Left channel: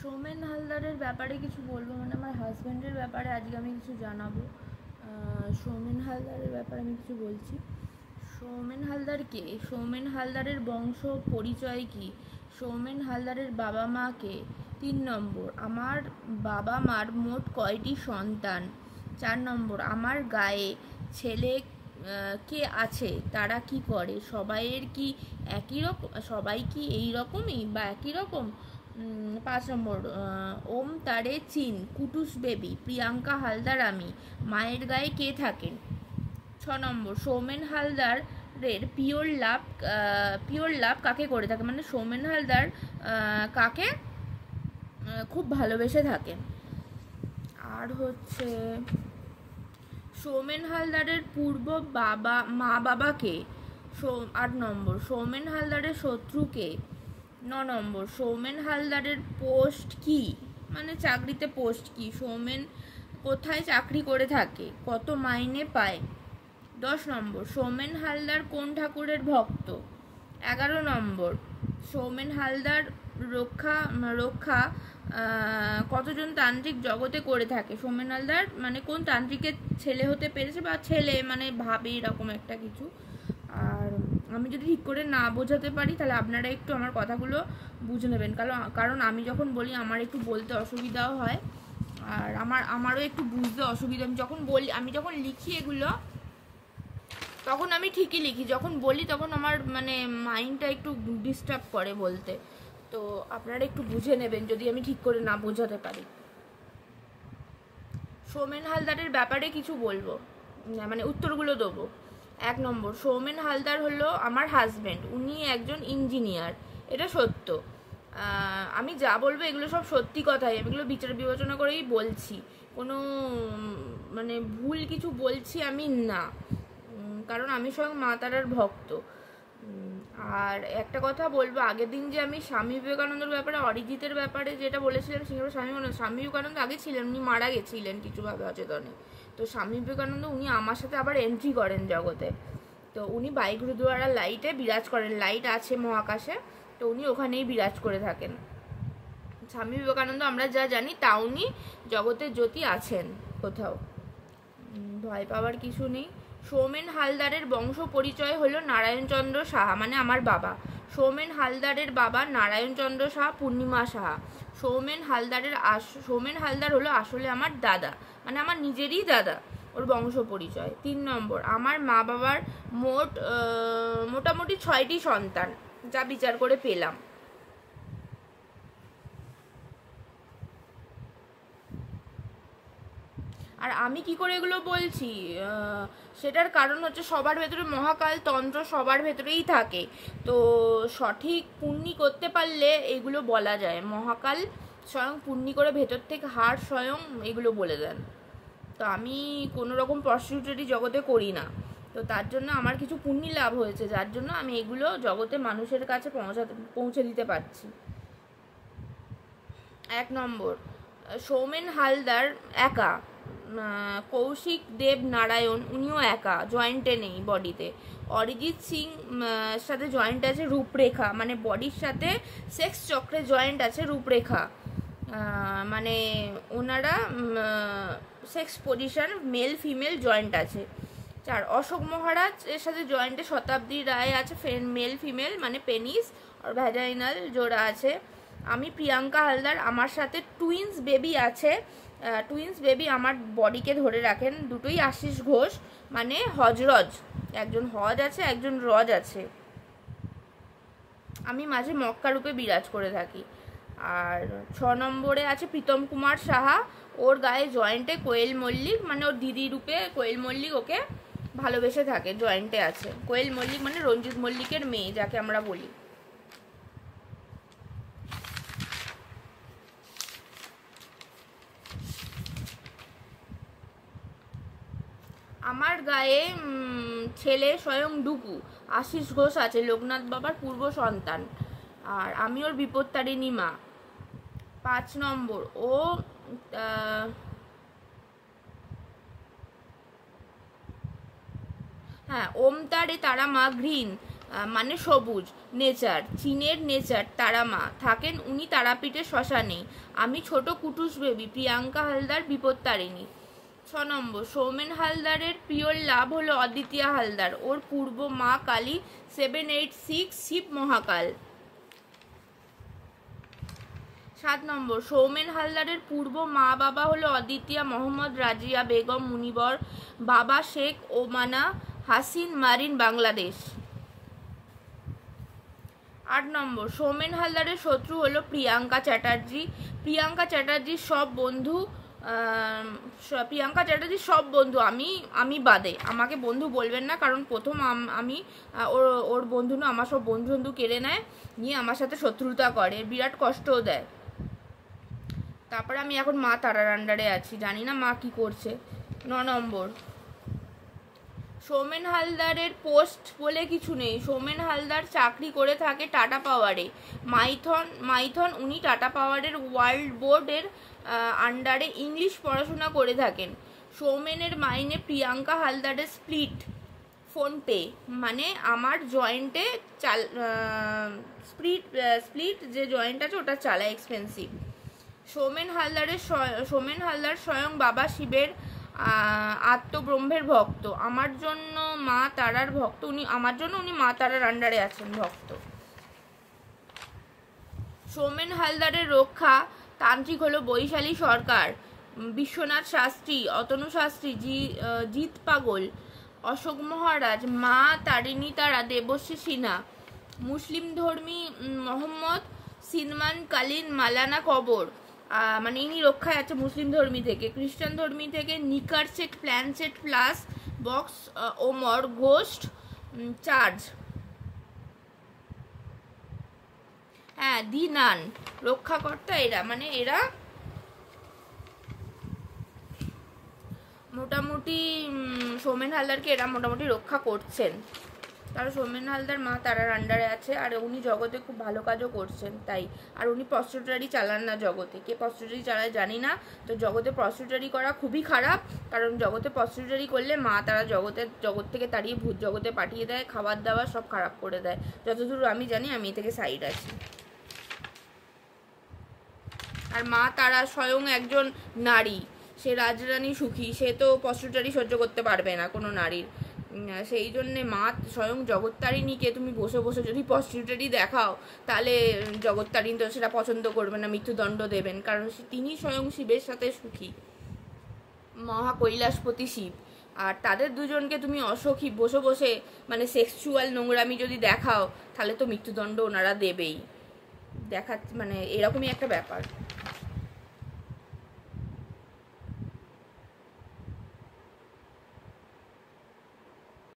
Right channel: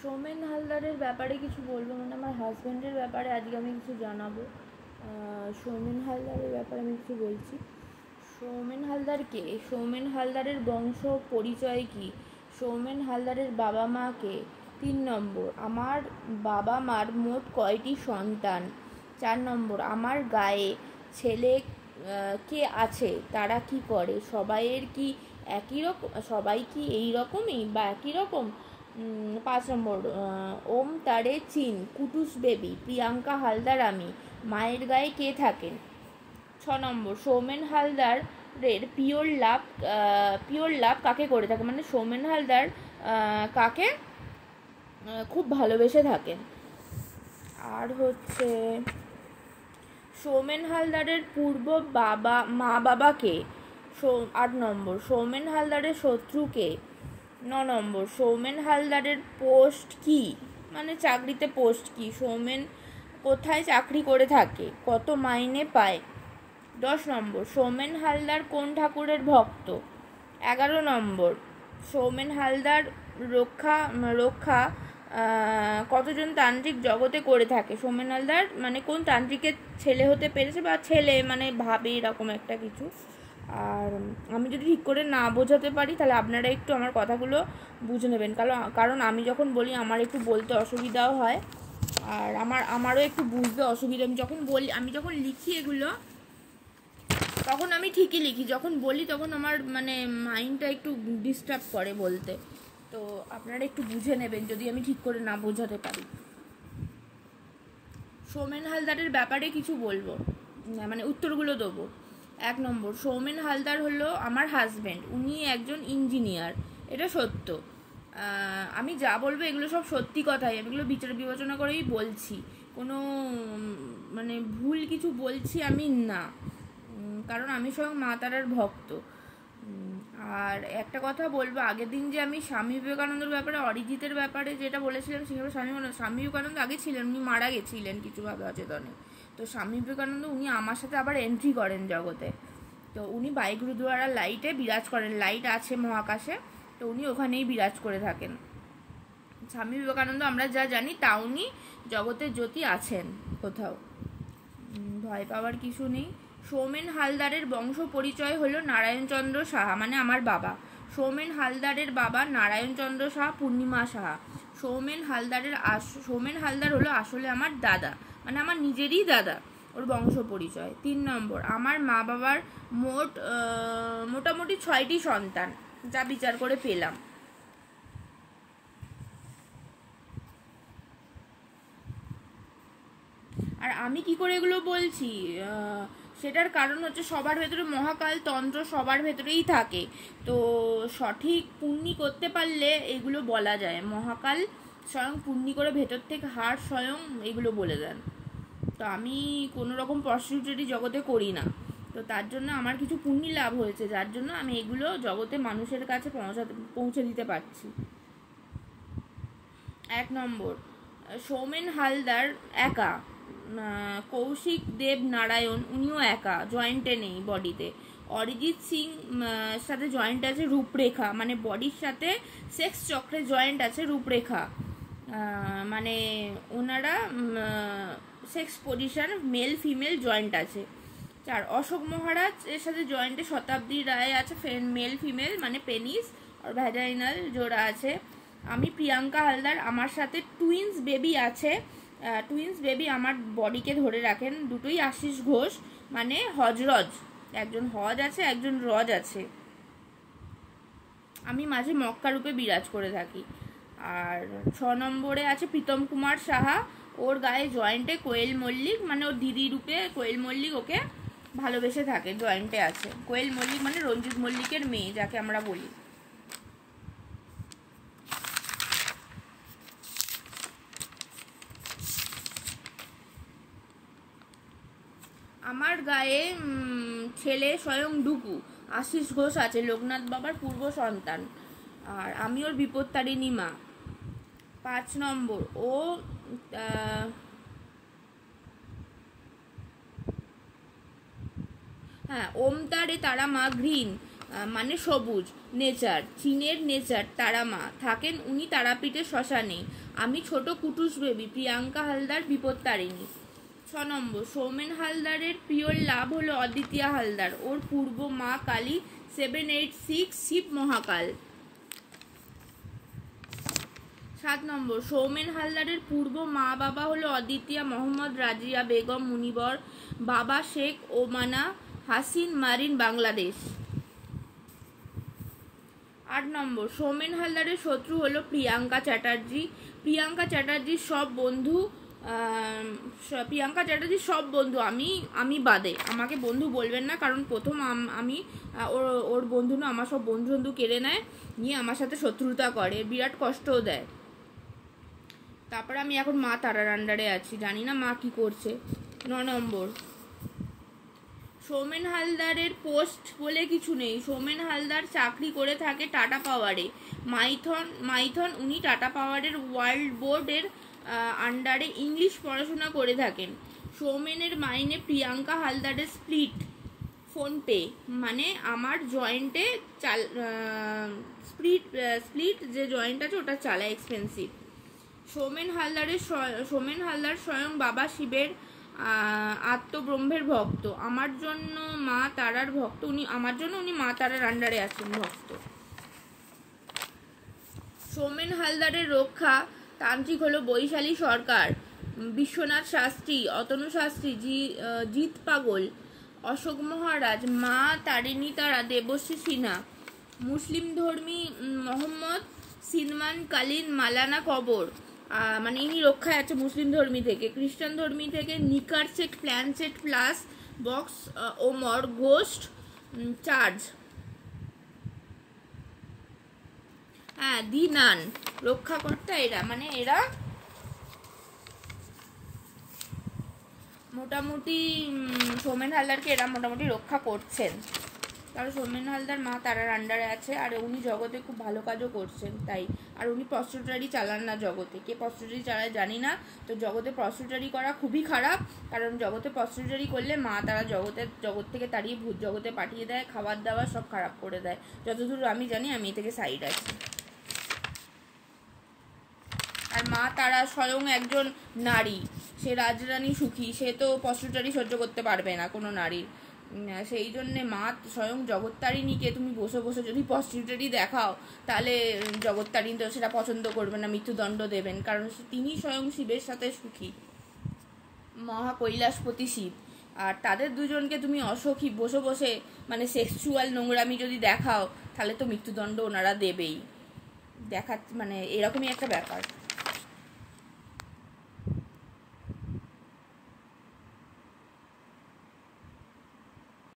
সৌমেন হালদারের ব্যাপারে কিছু বলবো, মানে আমার হাজব্যান্ডের ব্যাপারে আজকে আমি কিছু জানাবো। সৌমেন হালদারের ব্যাপারে আমি কিছু বলছি। সৌমেন হালদার কে? সৌমেন হালদারের বংশ পরিচয় কি? সৌমেন হালদারের বাবা মা কে? 3 নম্বর, আমার বাবা মার মোট কয়টি সন্তান? 4 নম্বর, আমার গায়ে ছেলে কে আছে, তারা কি করে? সবাইয়ের কি একই রকম? সবাই কি এই রকমই বা একই রকম? 5 নম্বর, ওম তারে চিন, কুটুস বেবি, প্রিয়াঙ্কা হালদার আমি, মায়ের গায়ে কে থাকেন? 6 নম্বর, সৌমেন হালদারের পিওর লাভ কাকে করে থাকে, মানে সৌমেন হালদার কাকে খুব ভালোবেসে থাকেন? আর হচ্ছে সৌমেন হালদারের পূর্ব মা বাবা কে? 8 নম্বর, সৌমেন হালদারের শত্রু কে? 9 নম্বর, সৌমেন হালদারের পোস্ট কি, মানে চাকরিতে পোস্ট কি? সৌমেন কোথায় চাকরি করে থাকে? কত মাইনে পায়? 10 নম্বর, সৌমেন হালদার কোন ঠাকুরের ভক্ত? 11 নম্বর, সৌমেন হালদার রক্ষা কতজন তান্ত্রিক জগতে করে থাকে? সৌমেন হালদার মানে কোন তান্ত্রিকের ছেলে হতে পেরেছে, বা ছেলে মানে ভাবে এরকম একটা কিছু। আর আমি যদি ঠিক করে না বোঝাতে পারি তাহলে আপনারা একটু আমার কথাগুলো বুঝে নেবেন, কারণ আমি যখন বলি আমার একটু বলতে অসুবিধাও হয়, আর আমারও একটু বুঝতে অসুবিধা। আমি যখন লিখি এগুলো তখন আমি ঠিকই লিখি, যখন বলি তখন আমার মানে মাইন্ডটা একটু ডিস্টার্ব করে বলতে। তো আপনারা একটু বুঝে নেবেন যদি আমি ঠিক করে না বোঝাতে পারি। সৌমেন হালদারের ব্যাপারে কিছু বলবো না, মানে উত্তরগুলো দেবো। 1 নম্বর, সৌমেন হালদার হলো আমার হাজব্যান্ড, উনি একজন ইঞ্জিনিয়ার, এটা সত্য। আমি যা বলবো এগুলো সব সত্যি কথাই, এগুলো বিচার বিবেচনা করেই বলছি, কোনো মানে ভুল কিছু বলছি আমি না, কারণ আমি স্বয়ং মা তারার ভক্ত। আর একটা কথা বলবো, আগের দিন যে আমি স্বামী বিবেকানন্দের ব্যাপারে, অরিজিতের ব্যাপারে যেটা বলেছিলাম, সেভাবে স্বামী বিবেকানন্দ আগে ছিলেন, উনি মারা গেছিলেন কিছুভাবে অচেতনে। তো স্বামী বিবেকানন্দ উনি আমার সাথে আবার এন্ট্রি করেন জগতে। তো উনি বাই গুরুদুয়ারা লাইটে বিরাজ করেন, লাইট আছে মহাকাশে, তো উনি ওখানেই বিরাজ করে থাকেন। স্বামী বিবেকানন্দ আমরা যা জানি তা উনি জগতের জ্যোতি আছেন কোথাও, ভয় পাওয়ার কিছু নেই। সৌমেন হালদারের বংশ পরিচয় হলো নারায়ণচন্দ্র সাহা, মানে আমার বাবা। সৌমেন হালদারের বাবা নারায়ণচন্দ্র সাহা, পূর্ণিমা সাহা। সৌমেন হালদার হলো আসলে আমার দাদা, মানে আমার নিজেরই দাদা, ওর বংশ পরিচয়। 3 নম্বর, আমার মা বাবার মোটামুটি 6টি সন্তান, যা বিচার করে পেলাম। আর আমি কি করে এগুলো বলছি, সেটার কারণ হচ্ছে সবার ভেতরে মহাকাল তন্ত্র সবার ভেতরেই থাকে, তো সঠিক পুণ্যি করতে পারলে এগুলো বলা যায়। মহাকাল স্বয়ং পুণ্যি করে ভেতর থেকে হার স্বয়ং এগুলো বলে দেন। তো আমি কোনো রকম প্রস্টিটিউটরি জগতে করি না, তো তার জন্য আমার কিছু পুণ্যি লাভ হয়েছে, যার জন্য আমি এগুলো জগতে মানুষের কাছে পৌঁছে দিতে পারছি। 1 নম্বর, সৌমেন হালদার একা, কৌশিক দেব নারায়ণ উনিও একা, জয়েন্টে নেই বডিতে। অরিজিৎ সিং সাথে জয়েন্ট আছে রূপরেখা, মানে বডির সাথে সেক্স চক্রে জয়েন্ট আছে রূপরেখা, মানে ওনারা sex position male female joint আছে। 4, অশোক মহারাজ এর সাথে জয়েন্টে শতাব্দী রায় আছে, মেল ফিমেল মানে পেনিস আর ভ্যাজাইনাল জোড়া আছে। আমি প্রিয়াঙ্কা হালদার, আমার সাথে টুইন্স বেবি আছে, টুইন্স বেবি আমার বডিকে ধরে রাখেন, দুটোই আশিস ঘোষ, মানে হজরজ, একজন হজ আছে একজন রজ আছে। আমি মাঝে মক্কা রূপে বিরাজ করে থাকি। আর 6 নম্বরে আছে প্রীতম কুমার সাহা, ওর গায়ে জয়েন্টে কোয়েল মল্লিক, মানে ওর দিদি রূপে কোয়েল মল্লিক ওকে ভালোবেসে থাকে, জয়েন্টে আছে। কোয়েল মল্লিক মানে রঞ্জিত মল্লিকের মেয়ে যাকে আমরা বলি। আমার গায়ে ছেলে স্বয়ং ডুকু, আশিস ঘোষ আছে, লোকনাথ বাবার পূর্ব সন্তান, আর আমি ওর বিপত্তারিণী মা। 5 নম্বর, ও হ্যাঁ, ওম তারে তারা মা গ্রিন, মানে সবুজ, নেচার, চীনের নেচার, তারামা, থাকেন উনি তারাপীঠের শ্মশানে, আমি ছোট কুটুস বেবি, প্রিয়াঙ্কা হালদার বিপত্তারিণী। 6 নম্বর, সৌমেন হালদারের পিওর লাভ হলো অদ্বিতীয়া হালদার, ওর পূর্ব মা কালী 786 শিব মহাকাল। 7 নম্বর, সৌমেন হালদারের পূর্ব মা বাবা হলো অদ্বিতীয়া মোহাম্মদ রাজিয়া বেগম মুনিবর, বাবা শেখ ওমানা হাসিন মারিন বাংলাদেশ। 8 নম্বর, সৌমেন হালদারের শত্রু হলো প্রিয়াঙ্কা চ্যাটার্জি, প্রিয়াঙ্কা চ্যাটার্জির সব বন্ধু আমি বাদে, আমাকে বন্ধু বলবেন না, কারণ প্রথম আমি ওর বন্ধু না, আমার সব বন্ধু কেড়ে নেয়, নিয়ে আমার সাথে শত্রুতা করে, বিরাট কষ্টও দেয়। তারপরে আমি এখন মা তারার আন্ডারে আছি, জানি না মা কি করছে। 9 নম্বর, সৌমেন হালদারের পোস্ট বলে কিছু নেই, সৌমেন হালদার চাকরি করে থাকে টাটা পাওয়ারে, মাইথন উনি টাটা পাওয়ারের ওয়ার্ল্ড বোর্ডের আন্ডারে ইংলিশ পড়াশোনা করে থাকেন। সৌমেনের মাইনে প্রিয়াঙ্কা হালদারের স্প্লিট ফোনপে, মানে আমার জয়েন্টে স্প্লিট যে জয়েন্ট আছে ওটা চালায়, এক্সপেন্সিভ। সৌমেন হালদার স্বয়ং বাবা শিবের আত্মব্রহ্মের ভক্ত, আমার জন্য মা তারার ভক্ত, উনি মা তারার আন্ডারে আছেন ভক্ত। সৌমেন হালদারের রক্ষা তান্ত্রিক হলো বৈশালী সরকার, বিশ্বনাথ শাস্ত্রী, অতনু শাস্ত্রী, জিৎ পাগল, অশোক মহারাজ, মা তারিণী তারা, দেবশ্রী সিনহা। মুসলিম ধর্মী মোহাম্মদ সিনমান কালীন মালানা কবর, মানে ইনি রক্ষায় আছে মুসলিম ধর্মী থেকে। খ্রিস্টান ধর্মী থেকে নিকার সেট, প্ল্যান সেট প্লাস বক্স, ওমর গোস্ট চার্জ। হ্যাঁ, দি নান রক্ষাকর্তা এরা, মানে এরা মোটামুটি সৌমেন হালদারকে এরা মোটামুটি রক্ষা করছেন। তারা সৌমেন হালদার মা তারার আন্ডারে আছে, আর উনি জগতে খুব ভালো কাজও করছেন তাই। আর উনি প্রস্টিটিউটারি চালান না জগতে, কে প্রস্টিটিউটারি চালায় জানি না, তো জগতে প্রস্টিটিউটারি করা খুবই খারাপ, কারণ জগতে প্রস্টিটিউটারি করলে মা তারা জগৎ থেকে তাড়িয়ে ভূত জগতে পাঠিয়ে দেয়, খাবার দাবার সব খারাপ করে দেয়, যতদূর আমি জানি, আমি এ থেকে সাইড আছি। আর মা তারা স্বয়ং একজন নারী, সে রাজরানী সুখী, সে তো প্রস্টিটিউটারি সহ্য করতে পারবে না কোনো নারীর, সেই জন্যে মা স্বয়ং জগত্তারিণীকে তুমি বসে বসে যদি প্রস্টিটিউটারি দেখাও, তাহলে জগত্তারিণী তো সেটা পছন্দ করবে না, মৃত্যুদণ্ড দেবেন, কারণ তিনি স্বয়ং শিবের সাথে সুখী, মহা কৈলাসপতি শিব। আর তাদের দুজনকে তুমি অসখী বসে বসে মানে সেক্সুয়াল নোংরামি যদি দেখাও, তাহলে তো মৃত্যুদণ্ড ওনারা দেবেই, মানে এরকমই একটা ব্যাপার।